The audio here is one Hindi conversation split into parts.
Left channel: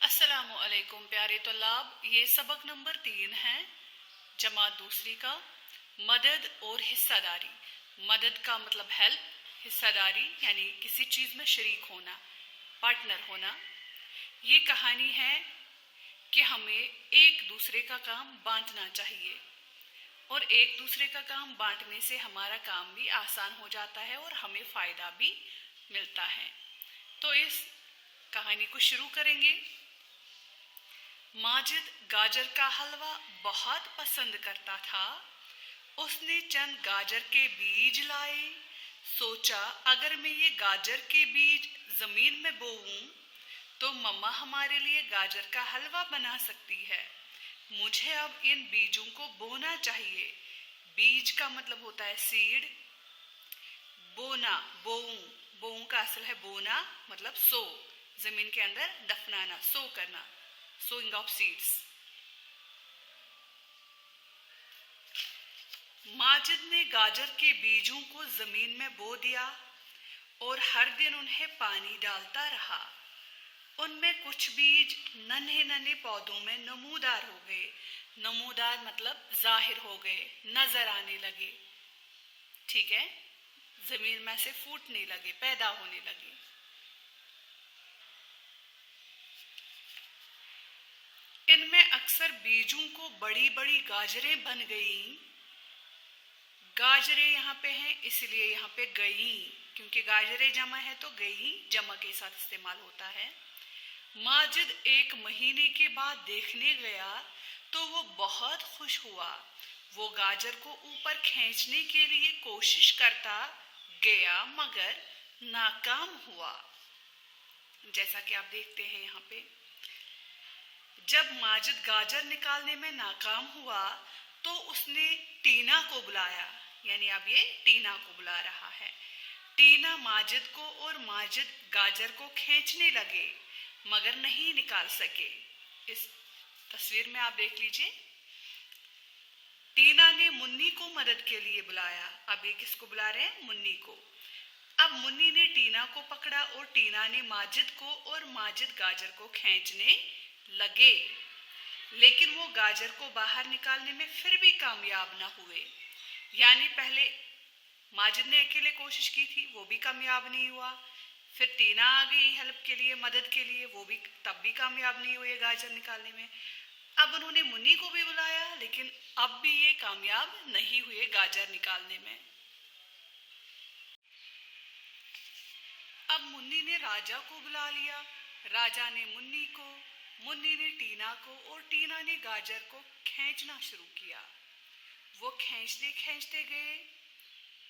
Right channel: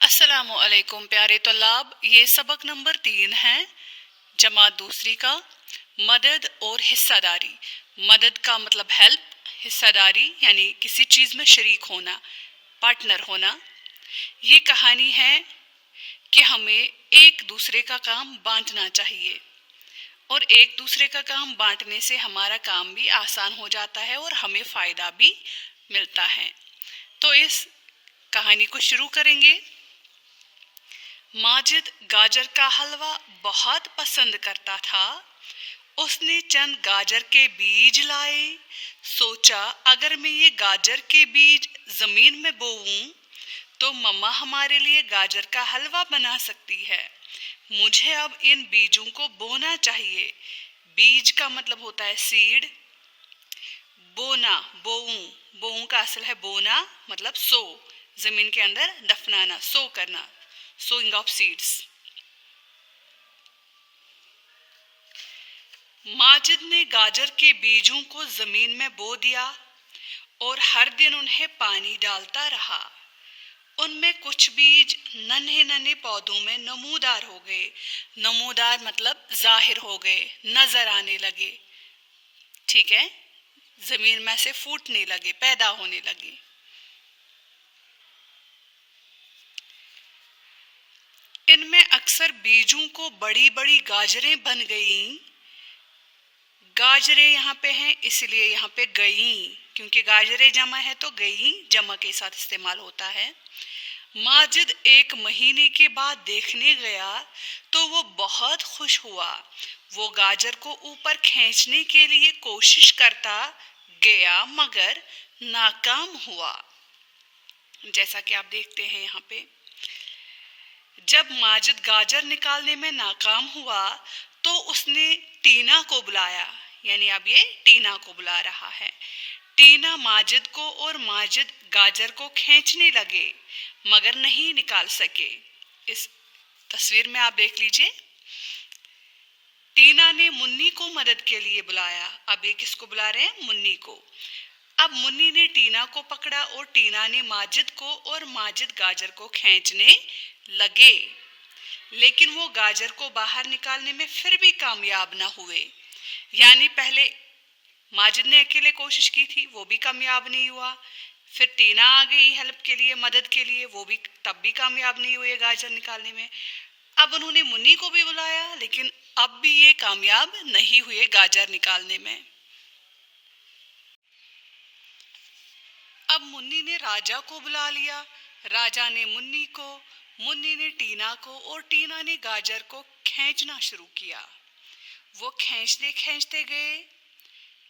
अस्सलामु अलैकुम प्यारे तल्लाब। ये सबक नंबर 3 है, जमात दूसरी का। मदद और हिस्सादारी। मदद का मतलब हेल्प, हिस्सादारी यानी किसी चीज़ में शरीक होना, पार्टनर होना। ये कहानी है कि हमें एक दूसरे का काम बांटना चाहिए और एक दूसरे का काम बांटने से हमारा काम भी आसान हो जाता है और हमें फ़ायदा भी मिलता है। तो इस कहानी को शुरू करेंगे। माजिद गाजर का हलवा बहुत पसंद करता था। उसने चंद गाजर के बीज लाए। सोचा, अगर मैं ये गाजर के बीज जमीन में बोऊं तो मम्मा हमारे लिए गाजर का हलवा बना सकती है। मुझे अब इन बीजों को बोना चाहिए। बीज का मतलब होता है सीड। बोना, बोऊं, बोऊं का असल है बोना, मतलब सो, जमीन के अंदर दफनाना, सो करना, सोइंग ऑफ सीड्स। माजिद ने गाजर के बीजों को जमीन में बो दिया और हर दिन उन्हें पानी डालता रहा। उनमें कुछ बीज नन्हे नन्हे पौधों में नमूदार हो गए। नमूदार मतलब जाहिर हो गए, नजर आने लगे। ठीक है, जमीन में से फूटने लगे, पैदा होने लगे। इनमें अक्सर बीजों को बड़ी बड़ी गाजरें बन गईं। गाजरें यहाँ पे हैं इसलिए यहाँ पे गईं, क्योंकि गाजरें जमा है तो गईं जमा के साथ इस्तेमाल होता है। माजिद 1 महीने के बाद देखने गया तो वो बहुत खुश हुआ। वो गाजर को ऊपर खींचने के लिए कोशिश करता गया मगर नाकाम हुआ। जैसा कि आप देखते हैं यहाँ पे, जब माजिद गाजर निकालने में नाकाम हुआ तो उसने टीना को बुलाया। यानी अब ये टीना को बुला रहा है। टीना माजिद को और माजिद गाजर को खींचने लगे मगर नहीं निकाल सके। इस तस्वीर में आप देख लीजिए, टीना ने मुन्नी को मदद के लिए बुलाया। अब ये किसको बुला रहे हैं? मुन्नी को। अब मुन्नी ने टीना को पकड़ा और टीना ने माजिद को, और माजिद गाजर को खींचने लगे, लेकिन वो गाजर को बाहर निकालने में फिर भी कामयाब ना हुए। यानी पहले माजिद ने अकेले कोशिश की थी, वो भी कामयाब नहीं हुआ। फिर टीना आ गई हेल्प के लिए, मदद के लिए, वो भी तब भी कामयाब नहीं हुए गाजर निकालने में। अब उन्होंने मुन्नी को भी बुलाया, लेकिन अब भी ये कामयाब नहीं हुए गाजर निकालने में। अब मुन्नी ने राजा को बुला लिया। राजा ने मुन्नी को, मुन्नी ने टीना को, और टीना ने गाजर को खींचना शुरू किया। वो खींचते खींचते गए,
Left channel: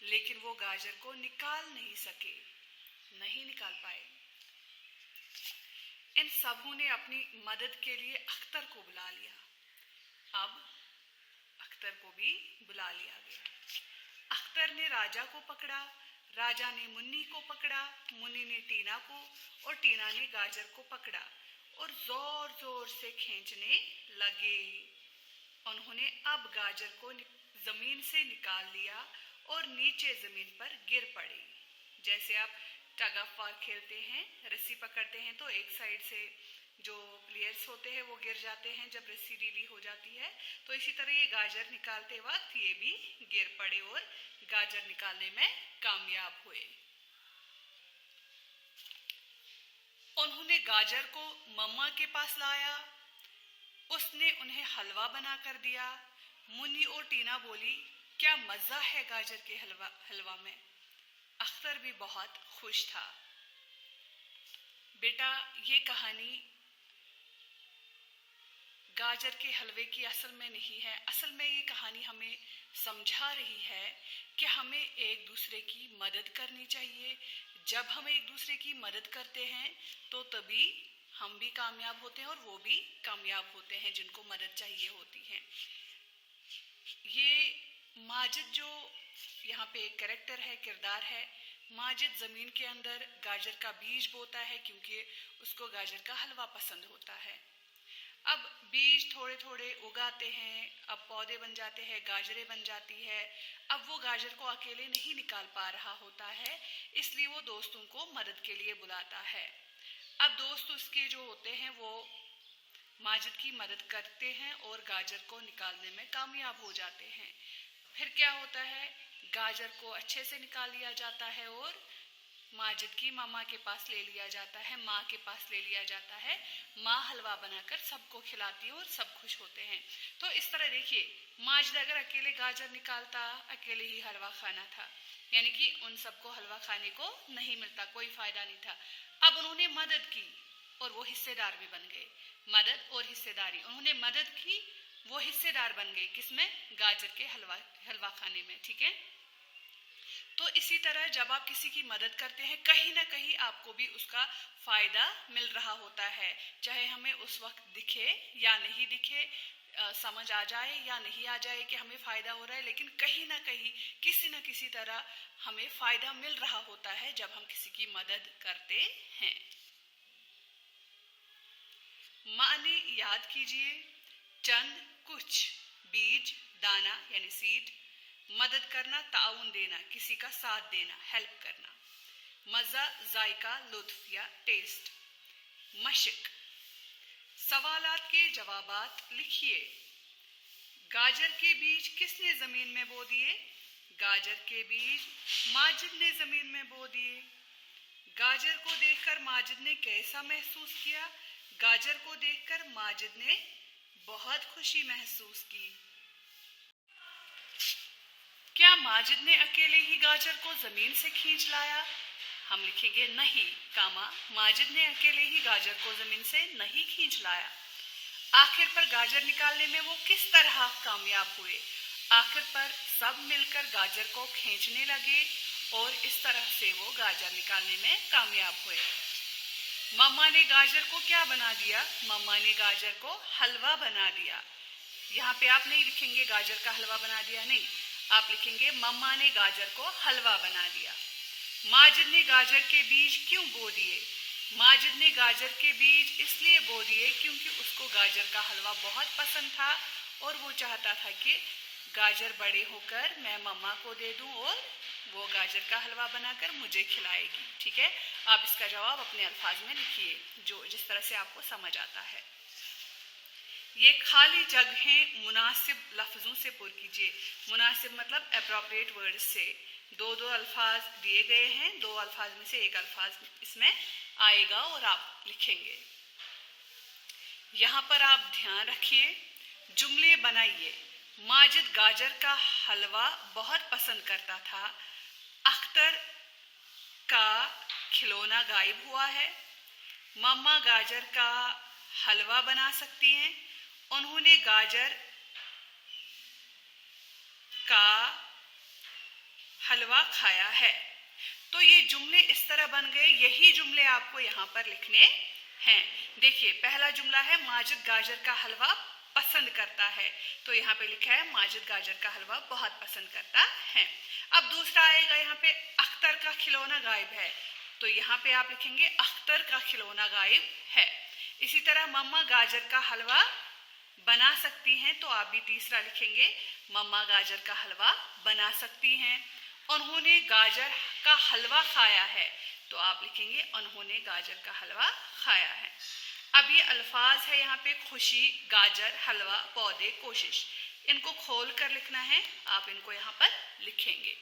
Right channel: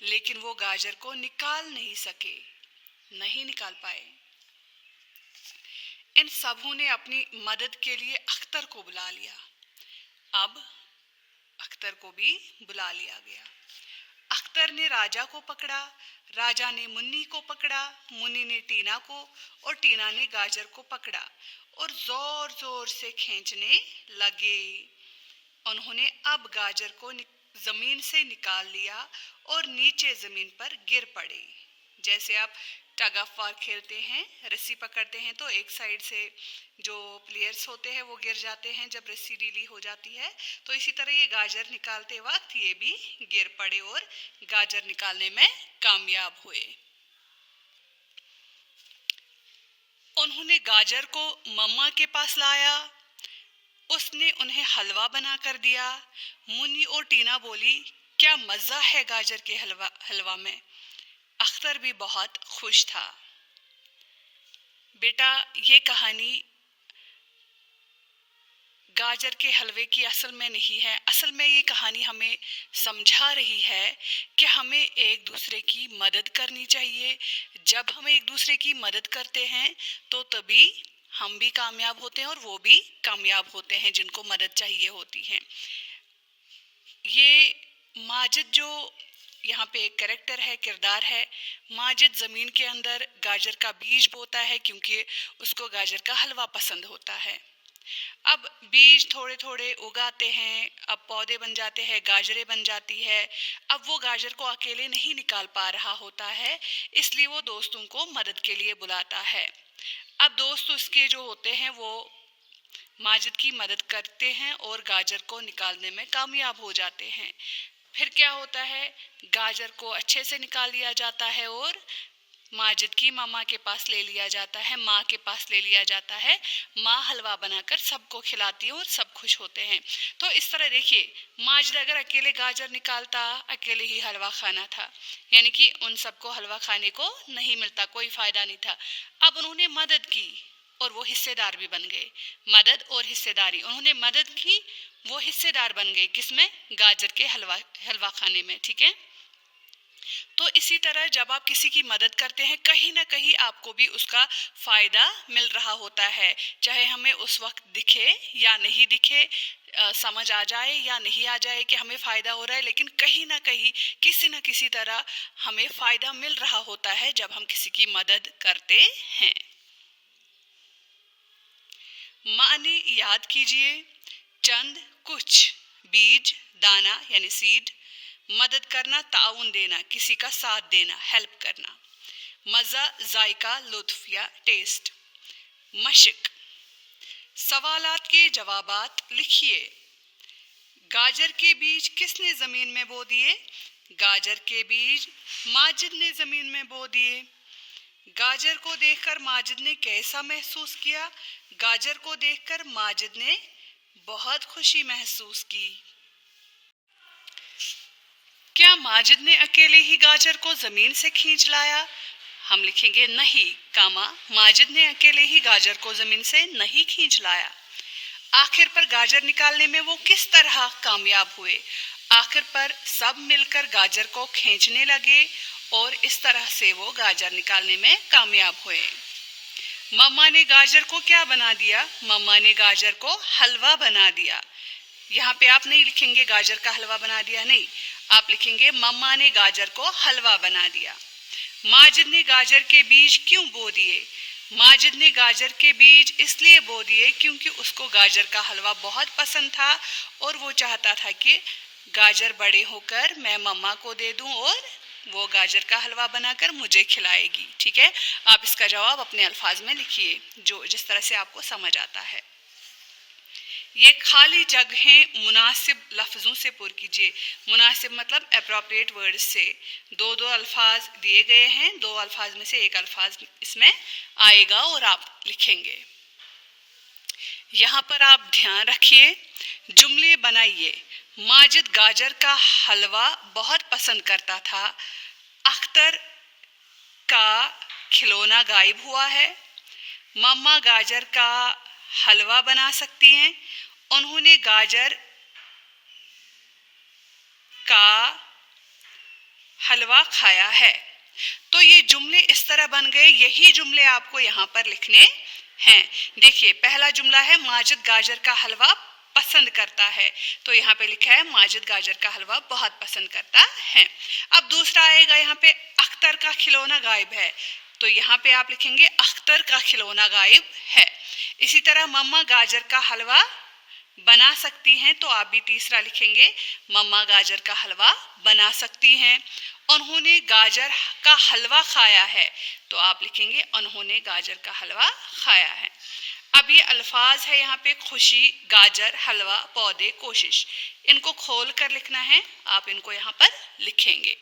लेकिन वो गाजर को निकाल नहीं सके, नहीं निकाल पाए। इन सबों ने अपनी मदद के लिए अख्तर को बुला लिया। अब अख्तर को भी बुला लिया गया। अख्तर ने राजा को पकड़ा, राजा ने मुन्नी को पकड़ा, मुन्नी ने टीना को, और टीना ने गाजर को पकड़ा और जोर जोर से खींचने लगे। उन्होंने अब गाजर को जमीन से निकाल लिया और नीचे जमीन पर गिर पड़े। जैसे आप टग ऑफ वार खेलते हैं, रस्सी पकड़ते हैं तो एक साइड से जो प्लेयर्स होते हैं वो गिर जाते हैं जब रस्सी ढीली हो जाती है, तो इसी तरह ये गाजर निकालते वक्त ये भी गिर पड़े और गाजर निकालने में कामयाब हुए। उन्होंने गाजर को मम्मा के पास लाया। उसने उन्हें हलवा बना कर दिया। मुन्नी और टीना बोली, क्या मज़ा है गाजर के हलवा में। अख्तर भी बहुत खुश था। बेटा, ये कहानी गाजर के हलवे की असल में नहीं है। असल में ये कहानी हमें समझा रही है कि हमें एक दूसरे की मदद करनी चाहिए। जब हम एक दूसरे की मदद करते हैं तो तभी हम भी कामयाब होते हैं और वो भी कामयाब होते हैं जिनको मदद चाहिए होती है। ये माजिद जो यहाँ पे एक कैरेक्टर है, किरदार है, माजिद ज़मीन के अंदर गाजर का बीज बोता है क्योंकि उसको गाजर का हलवा पसंद होता है। अब बीज थोड़े थोड़े उगाते हैं, अब पौधे बन जाते हैं, गाजरें बन जाती है। अब वो गाजर को अकेले नहीं निकाल पा रहा होता है, इसलिए वो दोस्तों को मदद के लिए बुलाता है। अब दोस्त उसके जो होते हैं वो माजिद की मदद करते हैं और गाजर को निकालने में कामयाब हो जाते हैं। फिर क्या होता है, गाजर को अच्छे से निकाल लिया जाता है और माजिद की मामा के पास ले लिया जाता है, माँ के पास ले लिया जाता है। माँ हलवा बनाकर सबको खिलाती है और सब खुश होते हैं। तो इस तरह देखिए, माजिद अगर अकेले गाजर निकालता, अकेले ही हलवा खाना था, यानी कि उन सबको हलवा खाने को नहीं मिलता, कोई फायदा नहीं था। अब उन्होंने मदद की और वो हिस्सेदार भी बन गए। मदद और हिस्सेदारी, उन्होंने मदद की, वो हिस्सेदार बन गए किसमें, गाजर के हलवा खाने में। ठीक है, तो इसी तरह जब आप किसी की मदद करते हैं, कहीं ना कहीं आपको भी उसका फायदा मिल रहा होता है, चाहे हमें उस वक्त दिखे या नहीं दिखे, समझ आ जाए या नहीं आ जाए कि हमें फ़ायदा हो रहा है, लेकिन कहीं ना कहीं किसी न किसी तरह हमें फ़ायदा मिल रहा होता है जब हम किसी की मदद करते हैं। माने याद कीजिए, चंद कुछ, बीज दाना यानी सीड, मदद करना ताउन देना, किसी का साथ देना, हेल्प करना। मज़ा जायका लुत्फ या टेस्ट। मशक, सवालात के जवाबात लिखिए। गाजर के बीज किसने ज़मीन में बो दिए? गाजर के बीज माजिद ने ज़मीन में बो दिए। गाजर को देखकर माजिद ने कैसा महसूस किया? गाजर को देखकर माजिद ने बहुत खुशी महसूस की। क्या माजिद ने अकेले ही गाजर को ज़मीन से खींच लाया? हम लिखेंगे नहीं, माजिद ने अकेले ही गाजर को ज़मीन से नहीं खींच लाया। आखिर पर गाजर निकालने में वो किस तरह कामयाब हुए? आखिर पर सब मिलकर गाजर को खींचने लगे और इस तरह से वो गाजर निकालने में कामयाब हुए। मम्मा ने गाजर को क्या बना दिया? मम्मा ने गाजर को हलवा बना दिया। यहाँ पे आप नहीं लिखेंगे गाजर का हलवा बना दिया, नहीं, आप लिखेंगे मम्मा ने गाजर को हलवा बना दिया। माजिद ने गाजर के बीज क्यों बो दिए? माजिद ने गाजर के बीज इसलिए बो दिए क्योंकि उसको गाजर का हलवा बहुत पसंद था और वो चाहता था कि गाजर बड़े होकर मैं मम्मा को दे दूं और वो गाजर का हलवा बनाकर मुझे खिलाएगी। ठीक है, आप इसका जवाब अपने अल्फाज में लिखिए, जो जिस तरह से आपको समझ आता है। ये खाली जगहें मुनासिब लफ्ज़ों से पुर कीजिए। मुनासिब मतलब अप्रोप्रिएट वर्ड्स से। दो अल्फाज दिए गए हैं, दो अल्फाज में से एक अल्फाज इसमें आएगा और आप लिखेंगे। यहाँ पर आप ध्यान रखिए, जुमले बनाइए। माजिद गाजर का हलवा बहुत पसंद करता था। अख्तर का खिलौना गायब हुआ है। मम्मा गाजर का हलवा बना सकती हैं। उन्होंने गाजर का हलवा खाया है। तो ये जुमले इस तरह बन गए, यही जुमले आपको यहाँ पर लिखने हैं। देखिए, पहला जुमला है माजिद गाजर का हलवा पसंद करता है, तो यहाँ पे लिखा है माजिद गाजर का हलवा बहुत पसंद करता है। अब दूसरा आएगा, यहाँ पे अख्तर का खिलौना गायब है, तो यहाँ पे आप लिखेंगे अख्तर का खिलौना गायब है। इसी तरह मम्मा गाजर का हलवा बना सकती हैं, तो आप भी तीसरा लिखेंगे मम्मा गाजर का हलवा बना सकती हैं। उन्होंने गाजर का हलवा खाया है, तो आप लिखेंगे उन्होंने गाजर का हलवा खाया है। अब ये अल्फाज है यहाँ पे, खुशी, गाजर, हलवा, पौधे, कोशिश, इनको खोल कर लिखना है, आप इनको यहाँ पर लिखेंगे।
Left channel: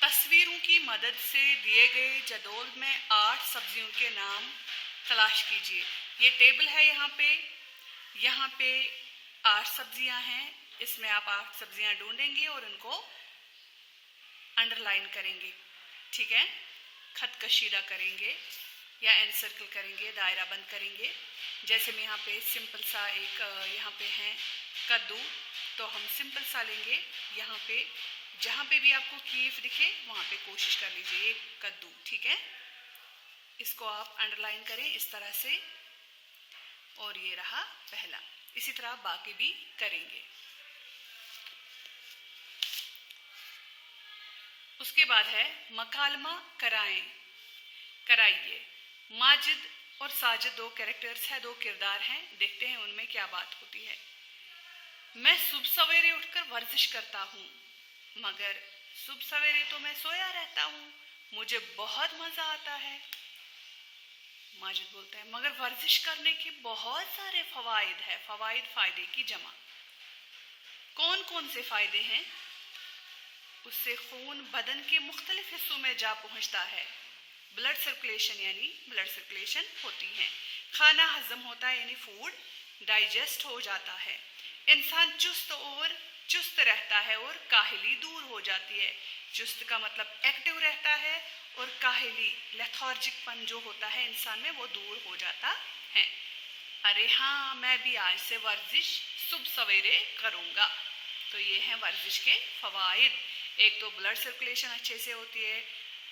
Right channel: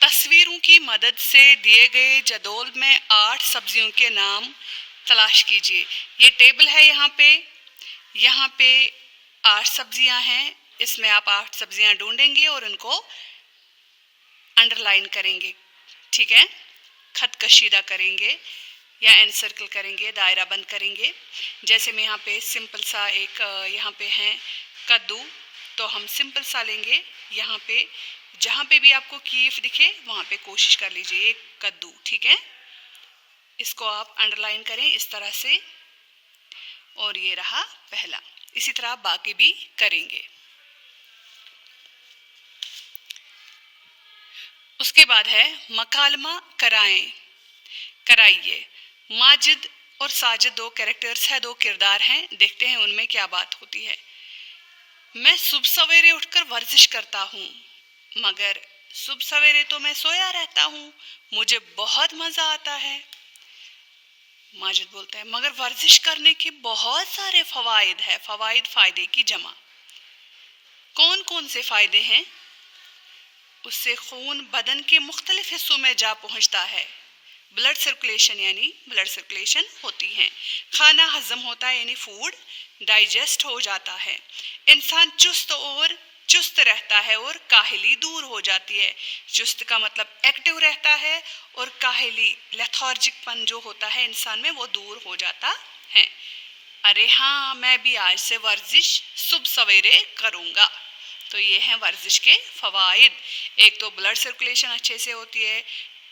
तस्वीरों की मदद से दिए गए जदोल में 8 सब्जियों के नाम तलाश कीजिए। ये टेबल है यहाँ पे 8 सब्जियां हैं, इसमें आप 8 सब्जियां ढूंढेंगे और उनको अंडरलाइन करेंगे। ठीक है, खत कशीदा करेंगे या एन सर्कल करेंगे, दायरा बंद करेंगे। जैसे मैं यहाँ पे सिंपल सा एक यहाँ पे है कद्दू, तो हम सिंपल सा लेंगे। यहाँ पे जहाँ पे भी आपको कीफ दिखे वहाँ पे कोशिश कर लीजिए एक कद्दू। ठीक है, इसको आप अंडरलाइन करें इस तरह से, और ये रहा पहला। इसी तरह आप बाकी भी करेंगे। उसके बाद है मकालमा कराइए। माजिद और साजिद 2 कैरेक्टर्स है, 2 किरदार हैं, देखते हैं उनमें क्या बात होती है। मैं सुबह सवेरे उठकर वर्जिश करता हूँ, मगर सुबह सवेरे तो मैं सोया रहता हूँ, मुझे बहुत मज़ा आता है। माजिद बोलता है मगर वर्जिश करने के बहुत सारे फ़वाइद है। फ़वाइद फ़ायदे की जमा। कौन कौन से फ़ायदे हैं? उससे खून बदन के मुख्तलिफ हिस्सों में जा पहुंचता है। ब्लड सर्कुलेशन यानी ब्लड सर्कुलेशन होती है। खाना हजम होता है यानी फूड डाइजेस्ट हो जाता है। इंसान चुस्त रहता है और काहली दूर हो जाती है। चुस्त का मतलब एक्टिव रहता है और काहली लेथार्जिकपन जो होता है इंसान में वो दूर हो जाता है। अरे हाँ, मैं भी आज से वर्जिश सुबह सवेरे करूँगा। तो ये हैं वर्जिश के फ़वाइद। एक तो ब्लड सर्कुलेशन अच्छे से होती है,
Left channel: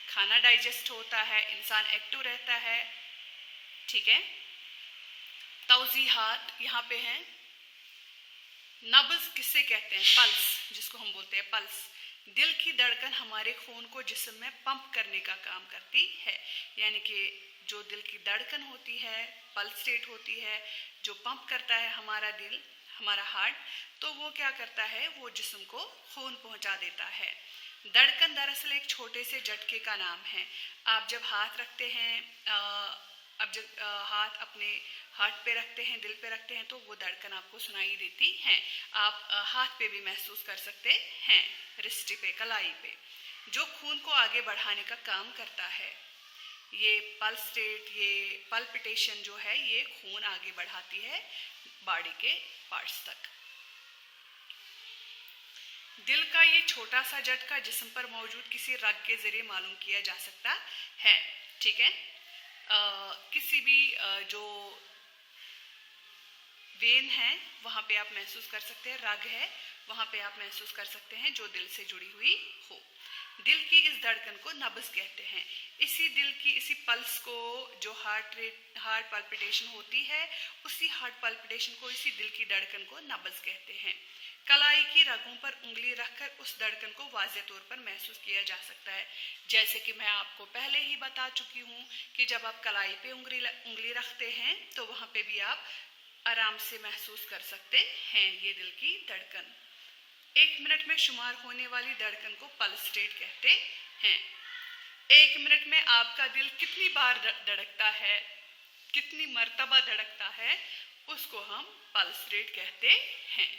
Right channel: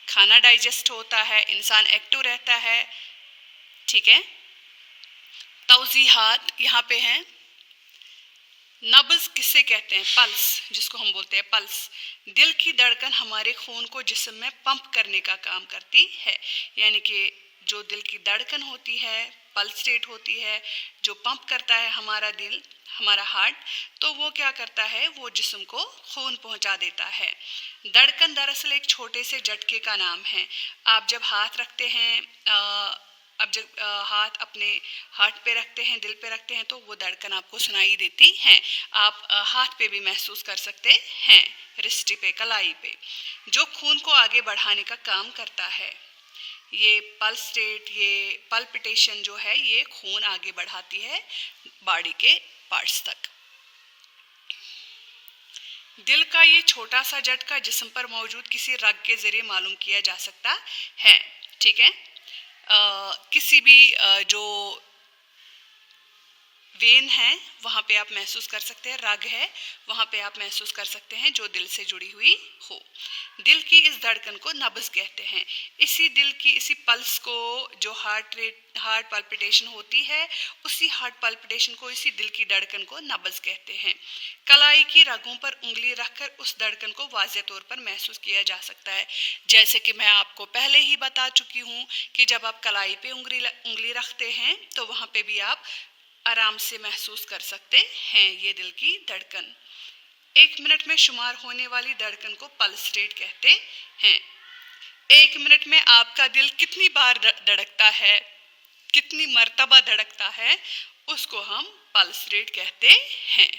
खाना डाइजेस्ट होता है, इंसान एक्टिव रहता है। ठीक है। तौज़ीहात यहाँ पे हैं। नब्ज़ किससे कहते हैं? पल्स, जिसको हम बोलते हैं पल्स। दिल की धड़कन हमारे खून को जिस्म में पंप करने का काम करती है। यानी कि जो दिल की धड़कन होती है, पल्स रेट होती है, जो पंप करता है हमारा दिल, हमारा हार्ट, तो वो क्या करता है, वो जिस्म को खून पहुंचा देता है। धड़कन दरअसल एक छोटे से झटके का नाम है। आप जब हाथ रखते हैं अब जब हाथ अपने हार्ट पे रखते हैं, दिल पे रखते हैं, तो वो धड़कन आपको सुनाई देती हैं। आप हाथ पे भी महसूस कर सकते हैं, रिस्टी पे, कलाई पे, जो खून को आगे बढ़ाने का काम करता है। ये पल्स रेट, ये पल्पिटेशन जो है, ये खून आगे बढ़ाती है बॉडी के पार्ट्स तक। दिल का ये छोटा सा झटका जिस्म पर मौजूद किसी रग के जरिए मालूम किया जा सकता है। ठीक है। किसी भी जो वेन है वहाँ पे आप महसूस कर सकते हैं, रग है वहाँ पे आप महसूस कर सकते हैं जो दिल से जुड़ी हुई हो। दिल की इस धड़कन को नब्ज़ कहते हैं। इसी पल्स को, जो हार्ट पल्पिटेशन होती है, उसी हार्ट पल्पिटेशन को, इसी दिल की धड़कन को नब्ज़ कहते हैं। कलाई की रगों पर उंगली रखकर उस धड़कन को वाज़े तौर पर महसूस किया जा सकता है। जैसे कि मैं आपको पहले ही बता चुकी हूँ कि जब आप कलाई पे उंगली रखते हैं तो वहाँ पे भी आप आराम से महसूस कर सकते हैं ये दिल की धड़कन। 1 मिनट में शुमार होने वाली धड़कन को पल्स रेट कहते हैं। 1 मिनट में आपका दिल कितनी बार धड़कता है, कितनी मर्तबा धड़कता है, उसको हम पल्स रेट कहते हैं।